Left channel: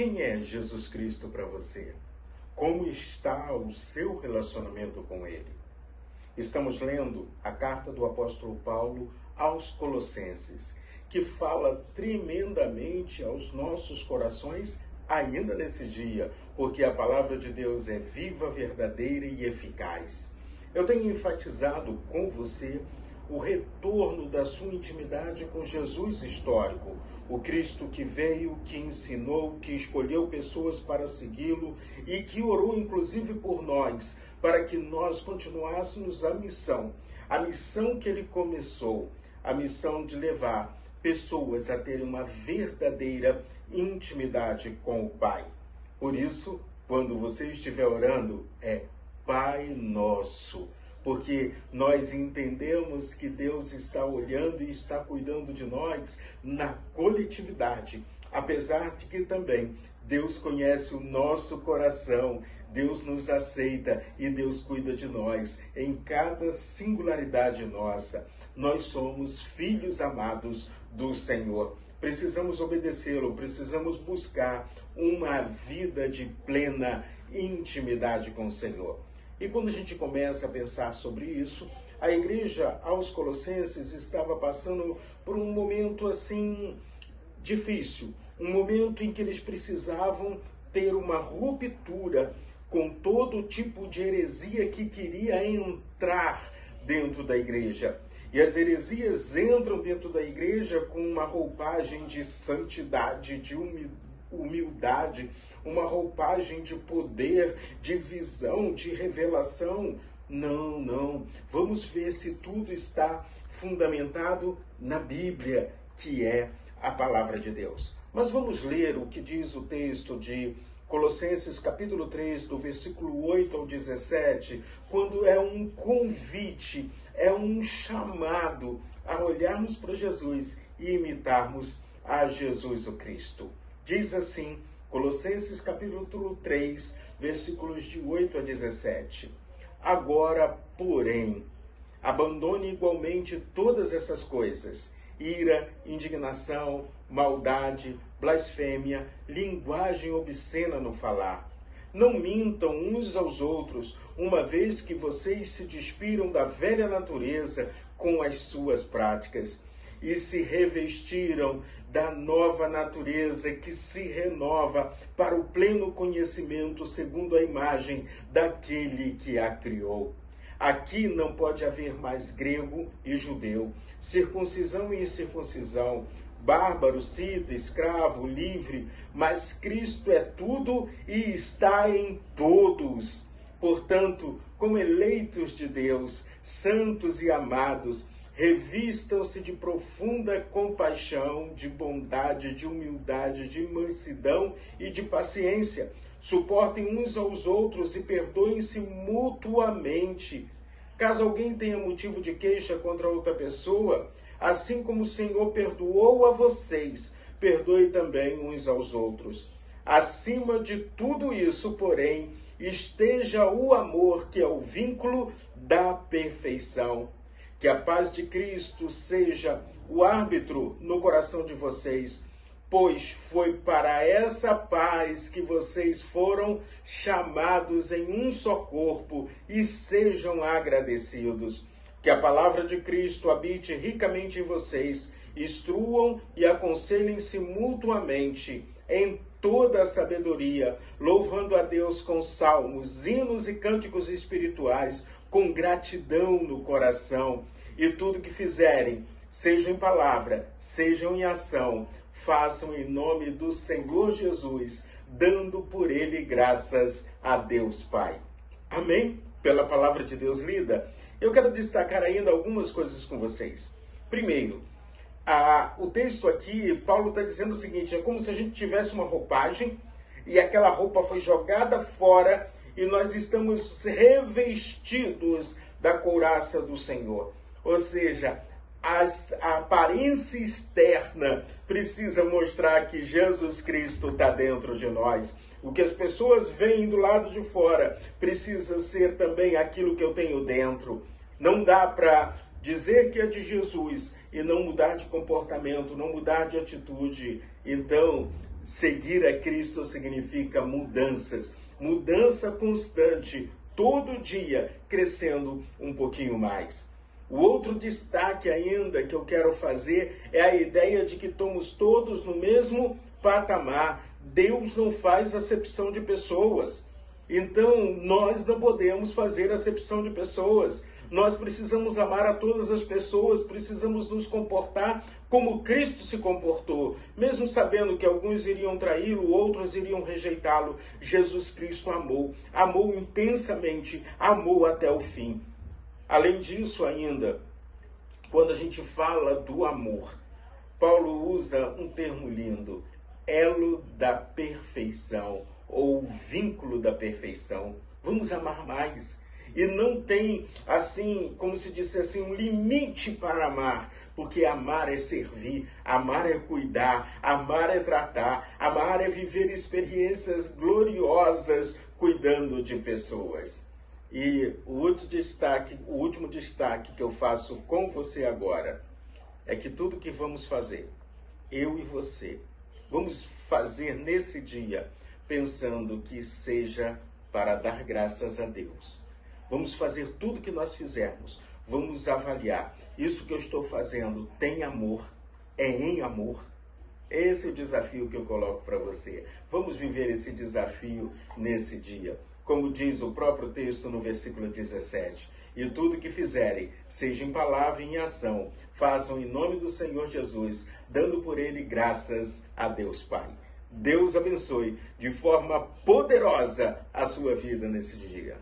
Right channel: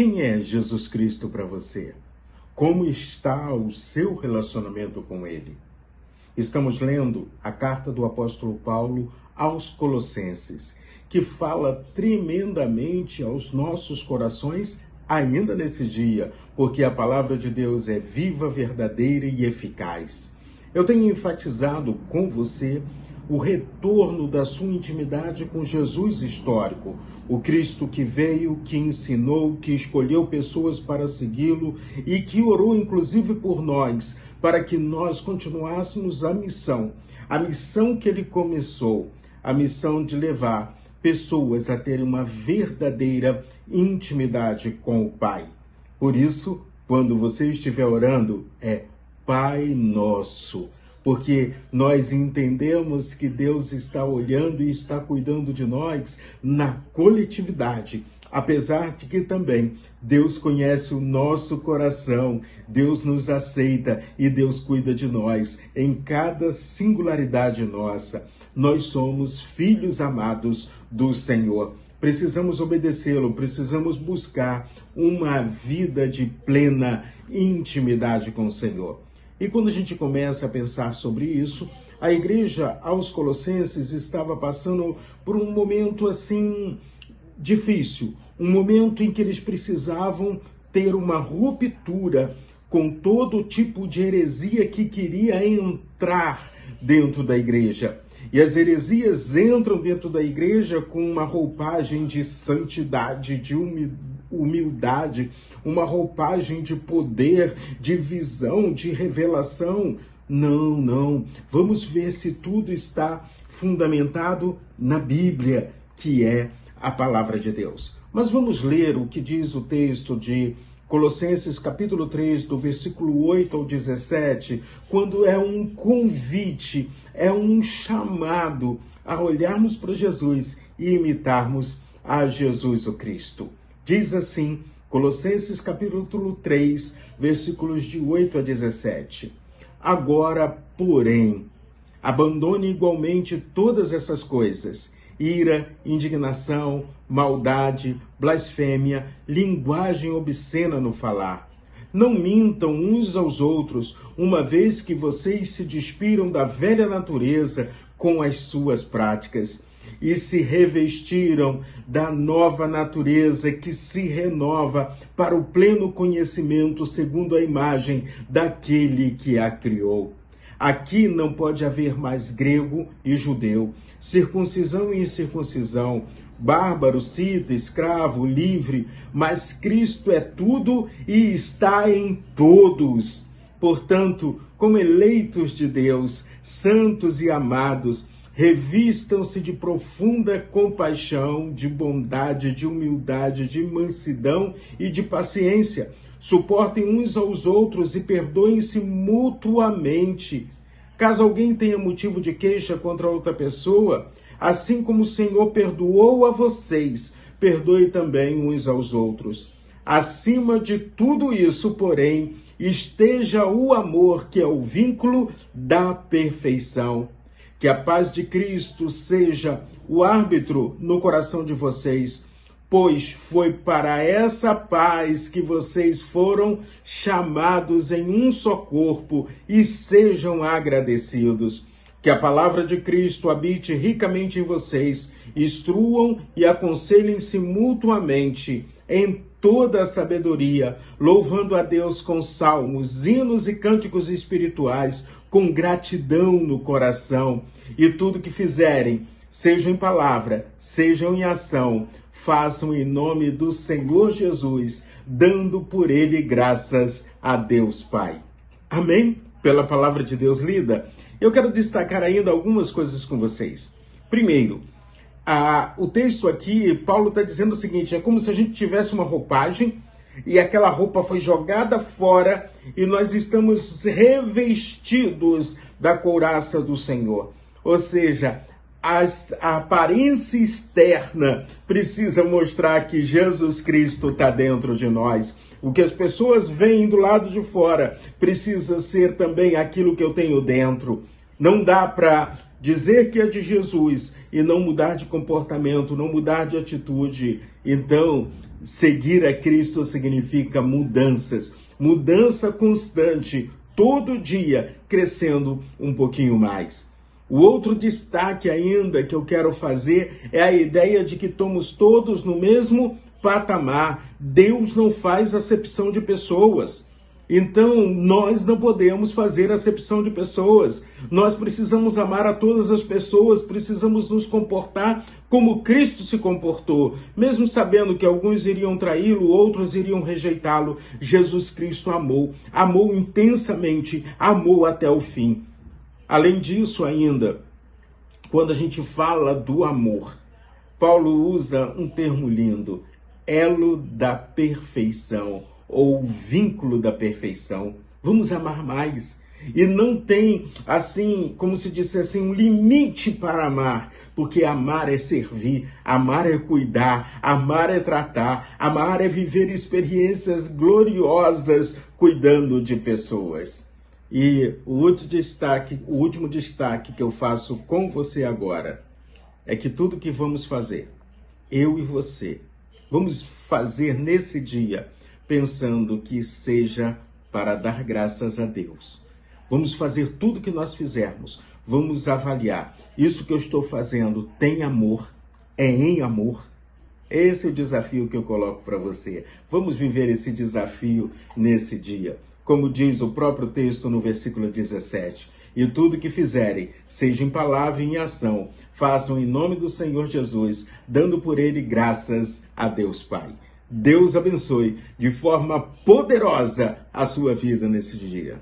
Quem é Jesus Cristo para você? Como está o seu relacionamento com Ele? Estamos lendo a carta do apóstolo Paulo aos Colossenses, que fala tremendamente aos nossos corações ainda nesse dia, porque a palavra de Deus é viva, verdadeira e eficaz. Eu tenho enfatizado com você o retorno da sua intimidade com Jesus histórico, o Cristo que veio, que ensinou, que escolheu pessoas para segui-lo e que orou inclusive por nós, para que nós continuássemos a missão que ele começou, a missão de levar pessoas a terem uma verdadeira intimidade com o Pai. Por isso, quando você estiver orando, é Pai Nosso, porque nós entendemos que Deus está olhando e está cuidando de nós na coletividade, apesar de que também Deus conhece o nosso coração, Deus nos aceita e Deus cuida de nós em cada singularidade nossa. Nós somos filhos amados do Senhor. Precisamos obedecê-lo, precisamos buscar uma vida de plena intimidade com o Senhor. E quando a gente começa a pensar sobre isso, a igreja aos Colossenses estava passando por um momento assim difícil, um momento em que eles precisavam ter uma ruptura com todo tipo de heresia que queria entrar dentro da igreja. E as heresias entram dentro da igreja com uma roupagem de santidade, de humildade, uma roupagem de poder, de visão, de revelação. Não. Vamos ver se tudo está fundamentado na Bíblia, que é a palavra de Deus. Mas vamos ler o que diz o texto de Colossenses capítulo 3, do versículo 8 ao 17, quando é um convite, é um chamado a olharmos para Jesus e imitarmos a Jesus o Cristo. Diz assim, Colossenses capítulo 3, versículos de 8 a 17. Agora, porém, abandone igualmente todas essas coisas: ira, indignação, maldade, blasfêmia, linguagem obscena no falar. Não mintam uns aos outros, uma vez que vocês se despiram da velha natureza com as suas práticas e se revestiram da nova natureza que se renova para o pleno conhecimento segundo a imagem daquele que a criou. Aqui não pode haver mais grego e judeu, circuncisão e incircuncisão, bárbaro, cita, escravo, livre, mas Cristo é tudo e está em todos. Portanto, como eleitos de Deus, santos e amados, revistam-se de profunda compaixão, de bondade, de humildade, de mansidão e de paciência. Suportem uns aos outros e perdoem-se mutuamente. Caso alguém tenha motivo de queixa contra outra pessoa, assim como o Senhor perdoou a vocês, perdoe também uns aos outros. Acima de tudo isso, porém, esteja o amor, que é o vínculo da perfeição. Que a paz de Cristo seja o árbitro no coração de vocês, pois foi para essa paz que vocês foram chamados em um só corpo, e sejam agradecidos. Que a palavra de Cristo habite ricamente em vocês, instruam e aconselhem-se mutuamente em toda a sabedoria, louvando a Deus com salmos, hinos e cânticos espirituais, com gratidão no coração. E tudo que fizerem, sejam em palavra, sejam em ação, façam em nome do Senhor Jesus, dando por ele graças a Deus Pai. Amém? Pela palavra de Deus lida, eu quero destacar ainda algumas coisas com vocês. Primeiro, o texto aqui, Paulo está dizendo o seguinte: é como se a gente tivesse uma roupagem e aquela roupa foi jogada fora e nós estamos revestidos da couraça do Senhor. Ou seja, a aparência externa precisa mostrar que Jesus Cristo está dentro de nós. O que as pessoas veem do lado de fora precisa ser também aquilo que eu tenho dentro. Não dá para dizer que é de Jesus e não mudar de comportamento, não mudar de atitude. Então, Seguir a Cristo significa mudanças, mudança constante, todo dia crescendo um pouquinho mais. O outro destaque ainda que eu quero fazer é a ideia de que estamos todos no mesmo patamar. Deus não faz acepção de pessoas. Então, nós não podemos fazer acepção de pessoas. Nós precisamos amar a todas as pessoas, precisamos nos comportar como Cristo se comportou. Mesmo sabendo que alguns iriam traí-lo, outros iriam rejeitá-lo, Jesus Cristo amou, amou intensamente, amou até o fim. Além disso ainda, quando a gente fala do amor, Paulo usa um termo lindo, elo da perfeição, ou vínculo da perfeição. Vamos amar mais. E não tem, assim, como se dissesse, um limite para amar, porque amar é servir, amar é cuidar, amar é tratar, amar é viver experiências gloriosas cuidando de pessoas. E o último destaque que eu faço com você agora é que tudo que vamos fazer, eu e você, vamos fazer nesse dia pensando que seja para dar graças a Deus. Vamos fazer tudo que nós fizermos, vamos avaliar. Isso que eu estou fazendo tem amor? É em amor? Esse é o desafio que eu coloco para você. Vamos viver esse desafio nesse dia. Como diz o próprio texto no versículo 17, e tudo que fizerem, seja em palavra e em ação, façam em nome do Senhor Jesus, dando por ele graças a Deus Pai. Deus abençoe de forma poderosa a sua vida nesse dia.